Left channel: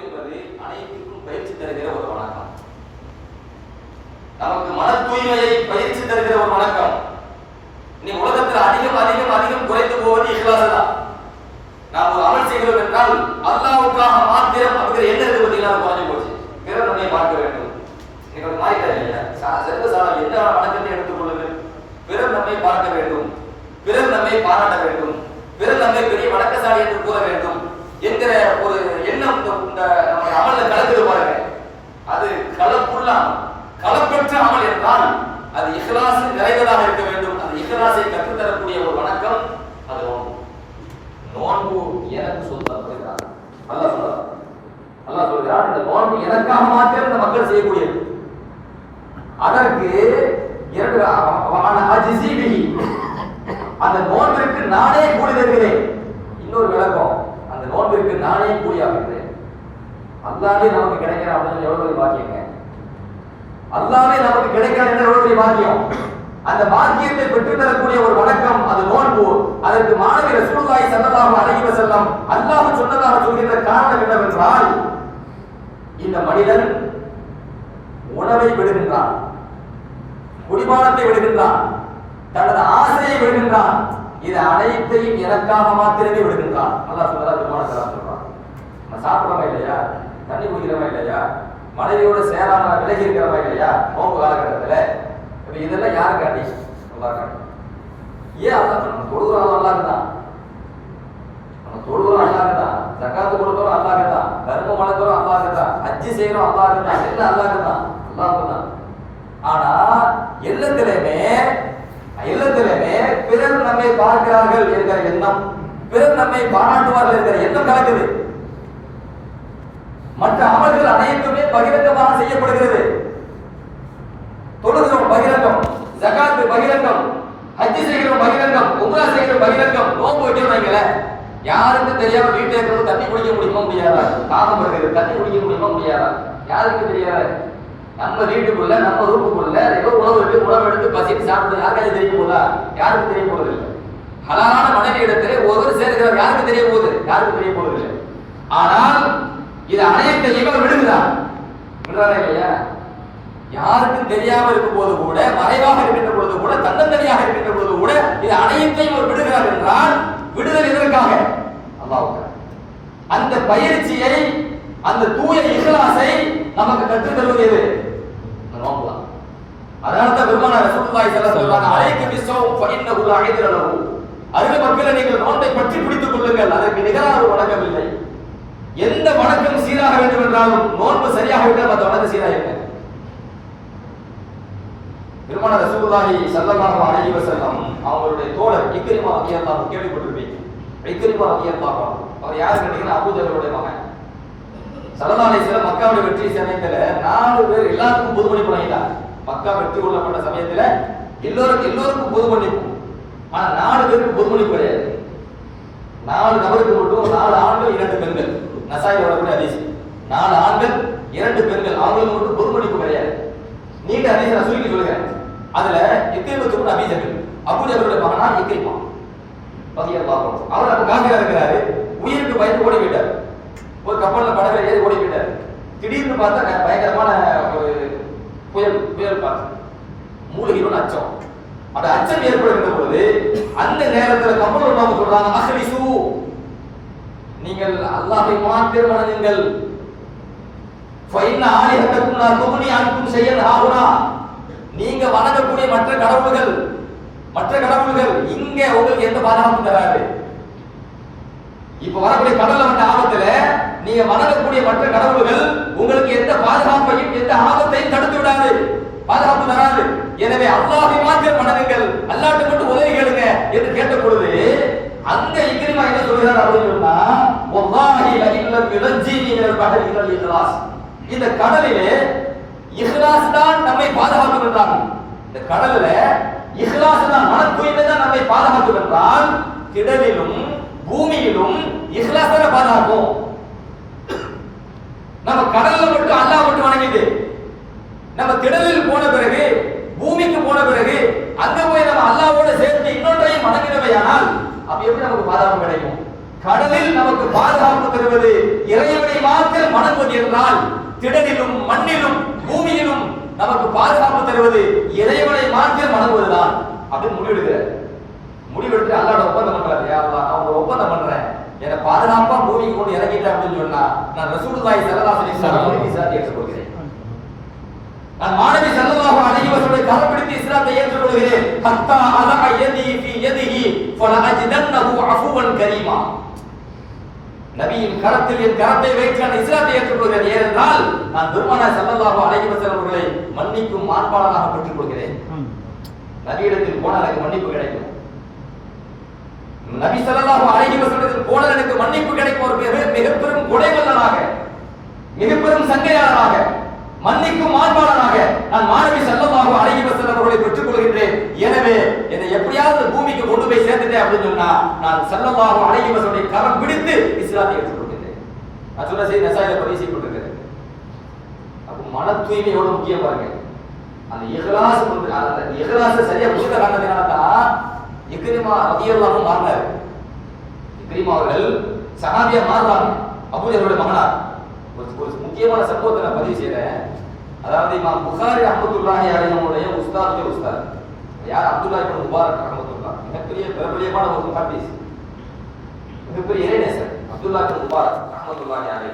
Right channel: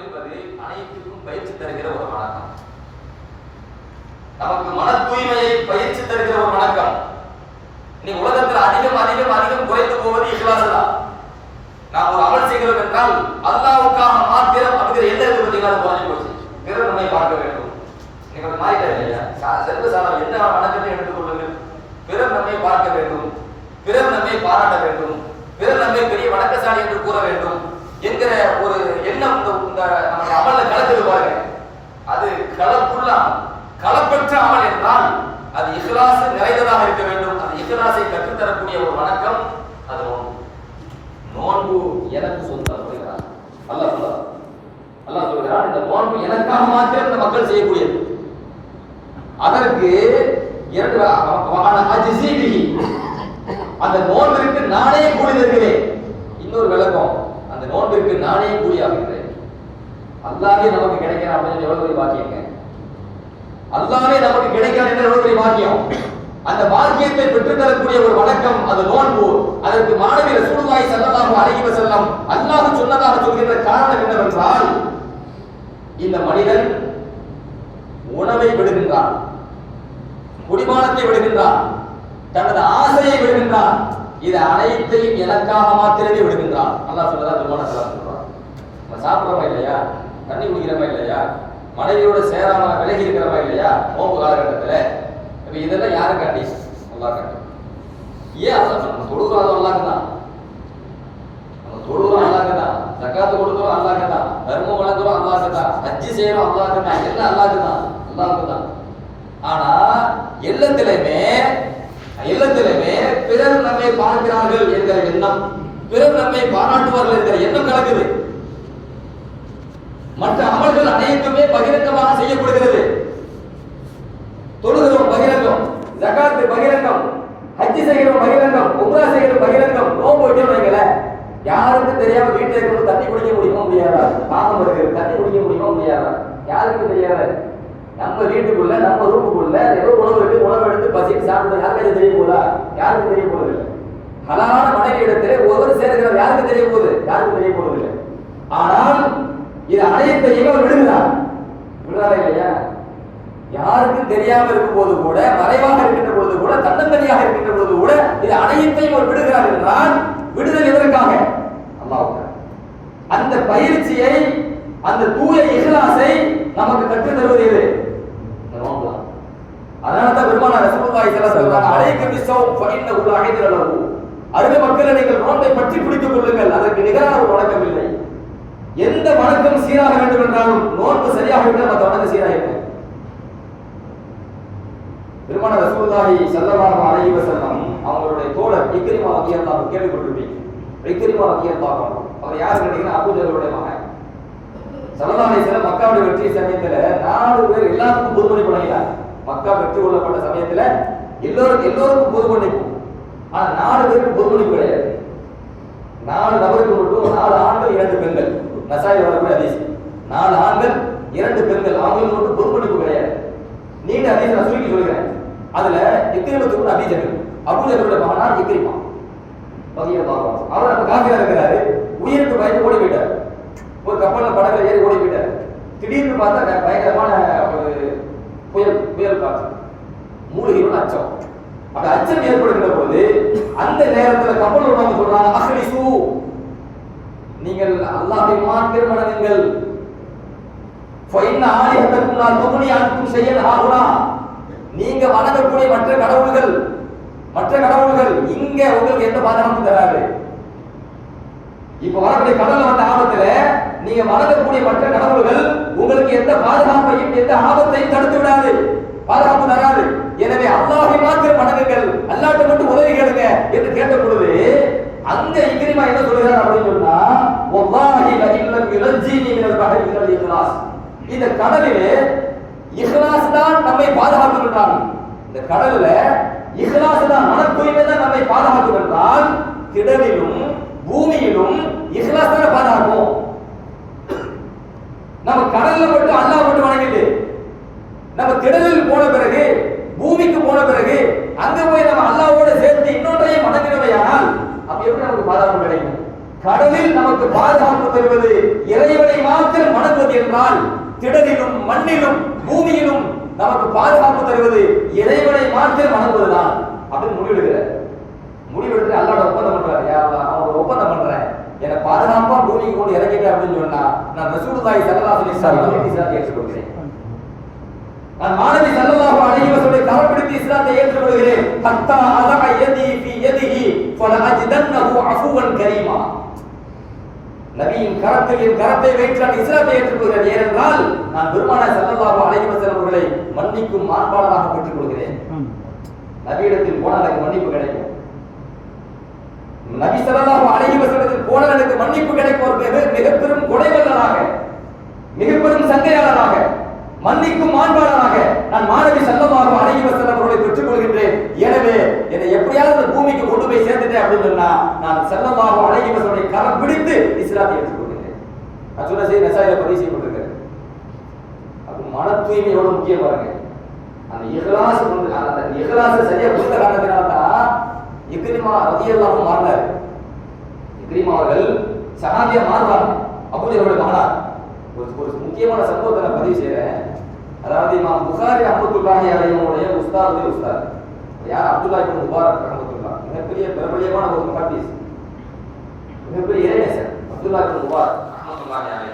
என்பது அனைத்துக்கும் பயிற்சி தருகிற ஒரு வணக்கம். நமக்கு மன தூய்மையை பயிற்சி தருகிற ஒரு வணக்கம். இன்னைக்கு உலகத்தில் அதிகம் அதிகம் அதிகம் குறைந்து போவது இஹ்லாஸ் தான். நாம் ஒரு அமல் செய்கிறோம் என்றால் அல்லாஹ்வுக்காக மாத்திரம் அப்படிங்கிற எண்ணம் இருக்கு பார்த்தீங்களா, குறைஞ்சு போச்சு. பிறர் நம்மை பார்க்க வேண்டும். நீங்கள் மாறிட்டார் இல்லையா? சர்வசாதாரண என்ன வணக்கத்தை எடுத்துக்கொள்ளுங்கள். பிறர் நம்மை பார்க்க வேண்டும், பிறர் நம்மை பாராட்ட வேண்டும், பிறர் நம்மை பெரிய வணக்கசாலி என்று கூற வேண்டும் என்கிற ஒரு எண்ணம் இந்த நம்ம அமல்ல கலக்குது பாருங்க. அது கலப்புள்ள கலப்பற்ற அமல் என்றால் அது இஹ்லாஸ் நிறைந்ததாக இருக்க வேண்டும். அந்த இஹ்லாஸை கற்றுத்தரக்கூடிய ஒரு வணக்கம் அது நோன்பு. நோன்பு எனக்கு சொந்தம் சொல்கிறார் அல்லாஹ். அல்லாஹ் சொல்கிறார், இந்த நோன்பு எனக்காக மாத்திரம் இந்த மக்கள் செய்யக்கூடியது. அதற்கு அந்த நோன்பிற்கு நானே கூலி தருகிறேன். இன்னொரு விளக்கம், அந்த நோன்பிற்கு நானே கூலியாகிறேன். அல்லாஹ்வே நமக்கு கிடைக்கிறான் அப்படின்னு எவ்வளவு பெரிய பாக்கியங்க. அல்லாஹ்வே நமக்கு கிடைக்கிறான் என்ற எவ்வளவு பெரிய பாக்கியம். அந்த பாக்கியத்தை பெற்றுத் தரக்கூடிய ஒரு வணக்கம் அது நோன்பு. அதற்கு மாணவி ரசூலுல்லாஹி ஸல்லல்லாஹு அலைஹி வஸல்லம் அல்லாஹ் சொன்னதாக சொல்கின்ற காரணம் என்னவென்றால், இந்த மனிதன் உணவை விடுகின்றான், குடிபானத்தை விடுகின்றான், தனது ஆசையை விடுகின்றான், இது அனைத்தையும் எனக்காக மாத்திரமே விடுகின்றான். அல்லாஹ் சொல்றதா திருமணம் சொல்றான். நம்ம சாப்பிடுறோமா இல்லையா, தண்ணி குடிக்கிறோமா இல்லையா, மனைவியோட சேராம விலகி இருக்கிறோமா இல்லையா நோன்பு காலகட்டத்துல, இப்ப இதெல்லாம் யாருக்காண்டி? அல்லாஹ்காண்டி. ஏன் அல்லாஹ் நம்ம தொழுகிறோம் அல்லாஹ்தான், நம்ம தொழுகிறோம் அல்லாஹ்தான், ஜகாத் கொடுக்கிறோம் அல்லாஹ்தான், தர்மம் வழங்குறோம் அல்லாஹ்தான், ஹஜ் செய்யறோம் அல்லாஹ்தான், எல்லாம் அல்லாஹ்தான் அல்லாஹ்தான். ஆனா எல்லாத்திலுமே பிறர் நம்மை பார்க்கிறார்கள் என்கிற எண்ணம், பிறர் நம்மை பாராட்டுவார்கள் என்கிற எண்ணம் கலக்குது. மற்ற அமல்கள் அனைத்துமே பகிரங்கமாக செய்யப்படுகிறது. தொழுகிறோம் பகிரங்கம், ஜகாத் பகிரங்கம், ஹஜ் செய்கிறோம் பகிரங்கம், உம்ரா செய்கிறோம் பகிரங்கம், நோன்பு வைக்கல யாருக்கும் தெரியாம வீட்டில் இருக்கிறது தண்ணி குடிக்க முடியுமோ முடியாதா, தாகம் படுகிறது தண்ணி குடிக்க முடியுமோ முடியாதா, யாருக்கு தெரியாது. நம்ம வீட்டுக்குள்ள நம்ம ரூமுக்குள்ள ஏதோ உணவு இருக்கு, உணவு எடுத்து பசிட்டு சாப்பிட்டு யாருக்காவது தெரிய போதா? யாருக்கும் தெரிய போறது இல்லை. ஹலாலான மனைவி இடத்துல ஒருவர் சேர்க்கிறார், யாருக்கு தெரிய போகுது? யாருக்கும் தெரிய போறது இல்லை. ஆனால் இது அனைத்தையும் அவர் விடுகிறார். விடுறாரா இல்லையா? யாருக்கும் தெரியாம இருக்கும் போது கூட, மறைவாக இருக்கின்ற பொழுது கூட, தன்னந்தனியாக இருக்கின்ற பொழுது கூட இது அனைத்தையும் அவர் விடுகிறார் என்றால் விடுதல் எதற்காக? அல்லாஹ்வுக்காக. அந்த பயிற்சியை, அந்த தூய இஹ்லாஸை நமக்கு கற்றுத் தருவது எது? நோன்பு. அதனால்தான் பெருமானார் ரசூலுல்லாஹி ஸல்லல்லாஹு அலைஹி வஸல்லம் அலைக்கும் பிஸ்ஸௌம் ஃபஇன்னஹு லஅஜ்ர லஹு, அருமை மக்களை நீங்கள் நோன்பை பற்றி பிடித்துக் கொள்ளுங்கள், அதற்கு நிகரான ஒரு வணக்கம் இல்லை. எந்த வணக்கம் சீராக வேண்டும் என்றாலும் நோன்பு சரியாக இருந்தால் மற்ற வணக்கம் சீராக இல்லை. பெருமானார் ரசூலுல்லாஹி ஸல்லல்லாஹு அலைஹி வஸல்லம் அவங்களுடைய தோழர் இக்ரிமா ரலியல்லாஹு அன்ஹு கேள்விப்பட்டிருப்பீங்க. இக்ரிமா ரலியல்லாஹு அன்ஹு அவர் யாரு கேட்டீங்கன்னா அபூஜஹலுடைய மகன். ஸல்லல்லாஹு அலைஹி வஸல்லம் மக்காவுடைய வெற்றி சமயத்துல 4 பேர் எல்லாருக்கும் பொது மன்னிப்பு வழங்கினார். மக்கா வெற்றி கொள்ளப்பட்ட சமயத்துல எல்லோருக்கும் பொது மன்னிப்பு. ஆனா 4 பேருக்கு பொது மன்னிப்பு கிடையாது. 4 நபருக்கு மட்டும் 4 ஆண்கள் 2 பெண்கள். நசாயி வரக்கூடிய ஹதீஸ். 4 ஆண்கள் 2 பெண்கள், ஆண்களுக்கு மட்டும் பொது மன்னிப்பு கிடையாது. நீங்க ஹதீஸ் நான் சுருக்கி சொல்றேன். அதுல இக்ரிமத்து கூட அபூஜஹல், அபூஜஹலுடைய மகனார் இக்ரிமா ரலியல்லாஹு அன்ஹு. அவர் அப்ப காஃபிரா இருக்கிறாரு, உயிருக்கு பயந்து ஓடி போயிட்டார். ஒரு கப்பல்ல படகுல ஏறி ஓடி போயிட்டார். திடீர்னு பார்த்தா பயங்கரமான ஒரு புயல் காற்று, மூழ்கிடும் அச்சம். அந்த அச்சம் ஏற்படுகின்ற பொழுது அந்த நேரத்தில் கப்பல் உள்ளவங்க சொல்றாங்க, அஹ்லிசு, நீங்கள் அல்லாஹ்வை மாத்திரம் வணங்குங்கள், ஃபைன்ன ஆலிஹத்தக்கும் லா துக்னி அன்கும் ஷையன் ஹாஹுனா, நீங்க வணங்கக்கூடிய மற்ற கடவுள்கள் இங்க உங்களுக்கு எந்த பாதுகாப்பும் தராது. இப்ப வரக்கூடிய கடல்ல வந்த ஆபத்துல நீங்க வணங்கக்கூடிய மற்ற கடவுள்கள் உங்களுக்கு எந்த பாதுகாப்பையும் எந்த ஆபத்தையும் தடுத்து விடாது, பாதுகாப்பு தராது. எனவே அல்லாஹ்வை மாத்திரம் வணங்குங்கள், அல்லாஹ்ட்ட மட்டும் உதவி கேளுங்க என்று கேட்ட பொழுது அந்த இக்ரிமா என்ன சொல்றாரு அப்படின்னு சொன்னா, வல்லாஹி லஇல்லம் யுனஜ்ஜினி மினல் பஹரி இலல் இஹ்லாஸ், இந்த கடலிலே இஹ்லாஸ் தான் நம்மை பாதுகாக்கும் என்றால், இந்த கடல்ல இஹ்லாஸ் தான், மன தூய்மை தான் நம்மை பாதுகாக்கும் என்றால், திடலிலும் பூமியிலும் இஹ்லாஸ் தான் பாதுகாக்கும். நம்ம கடல்ல மட்டும் அல்லாஹ் மட்டும் வணங்கிட்டு நம்ம திடலில் போன பிறகு, பூமிக்கு போன பிறகு அங்க போய் நம்ம அல்லாஹ்வோட சேர்த்து இன்னொன்றையும் வணங்கினவையானால் அப்ப எப்படி நமக்கு பாதுகாப்பு கிடைக்கும்? கடலில் நமக்கு பாதுகாப்பு தருவது இறைவனை மாத்திரம் பாதுகாப்பு என்றால் திடலிலும் மண்ணிலும் பூமியிலும் நமக்கு பாதுகாப்பு தருவது இறைவனை மாத்திரம் வணங்குவதுதான் அப்படின்னு முடிவெடுத்து அல்லாஹ்வோட ஒப்பந்தம் பண்றாரு. யா அல்லாஹ், நான் ஒரு ஒப்பந்தம் பண்றேன், என்னை பாதுகாப்பா பூமிக்கு கொண்டு இறங்கிட்டேன் அப்படின்னு சொன்னா நான் ரசூலுல்லாஹி ஸல்லல்லாஹு அலைஹி வஸல்லம் இஸ்லாத்தை ஏற்றுக்கொள்கிறேன். நான் மாணவி ஸல்லல்லாஹு அலைஹி வஸல்லம் கரப்பிடித்து இஸ்லாத்தை ஏற்றுக்கொள்கிறேன். ஹத்தா அதா யதி ஃபி யதிஹி ஃபலஅஜிதன்னஹு அஃபுவன் கரீமா. நபியின் கரத்தில் என் கரத்தை வைத்து நான் இஸ்லாத்தை ஏற்றுக்கொள்கிறேன். ஏனென்றால் நான் பெருமானார் ஸல்லல்லாஹு அலைஹி வஸல்லம் அவர்களை மன்னிக்கும் மாண்பாளராக பெற்றுக் கொள்கிறேன். நபியிடத்தில் போனால் எனக்கு மன்னிப்பு கிடைக்கும். நபி ஸல்லல்லாஹு அலைஹி வஸல்லத்தில் போனால் எனக்கு மன்னிப்பு கிடைக்கும். ஒரு மிக பெரும் கொடைவல்லராக, மிக பெரும் சங்கையாளராக, மன்னிக்கும் மாண்பாளராக நான் மாணவி ஸல்லல்லாஹு அலைஹி வஸல்லம் அவர்களை பெற்றுக் கொள்கின்றேன். எனவே என்னை எப்படியாவது பூமிக்கு கொண்டு போய் சேர்த்துட்டேன் அப்படின்னு சொன்னா நான் ஸல்லல்லாஹு அலைஹி வஸல்லம் கரம் பிடித்து இஸ்லாத்தை ஏற்றுக்கொள்கிறேன். நான் சொன்ன செய்தி நசாயில பதிவு செய்யப்பட்டிருக்கிறது. அப்போ மன தூய்மை எவ்வளவு முக்கியம் பாருங்க. அந்த இஹ்லாஸ் அந்த இஹ்லாஸ் சரியா புரிந்த காரணத்தினால தான் இக்ரிமா ரலியல்லாஹு அன்ஹு மாறினார். இக்ரிமா அவர்கள் சஹாபியா மாறுவாங்க. அபூஜஹலுடைய மகனார். ஒரு முக்கியமான சம்பவத்தை நான் பதிவு செய்றேன். அதாவது இமாம் புகாரி ரஹ்மத்துல்லாஹி அலைஹிவுடைய உஸ்தாத் யார்? அப்துல்லா இப்னு முபாரக் ரஹ்மத்துல்லாஹ். மிகப்பெரிய பிரபலியமான ஒரு முஹத்திஸ், மிகப்பெரிய இறைநேசர் அப்துல்லா இப்னு முபாரக் ரஹ்மத்துல்லாஹி அலைஹி.